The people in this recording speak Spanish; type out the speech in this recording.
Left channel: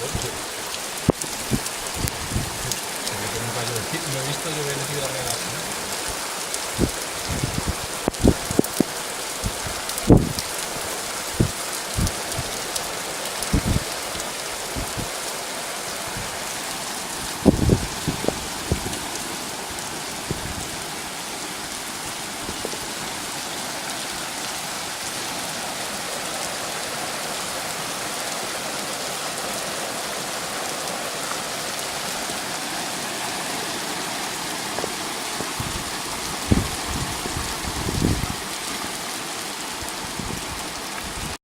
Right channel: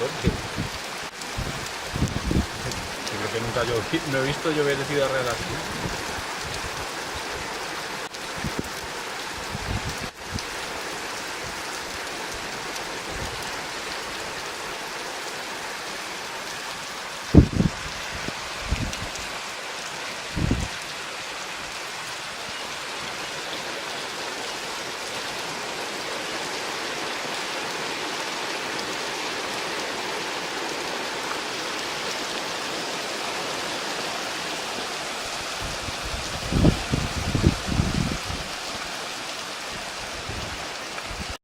coche. Es lo que nunca yo no he visto llover de Ciudad Real así.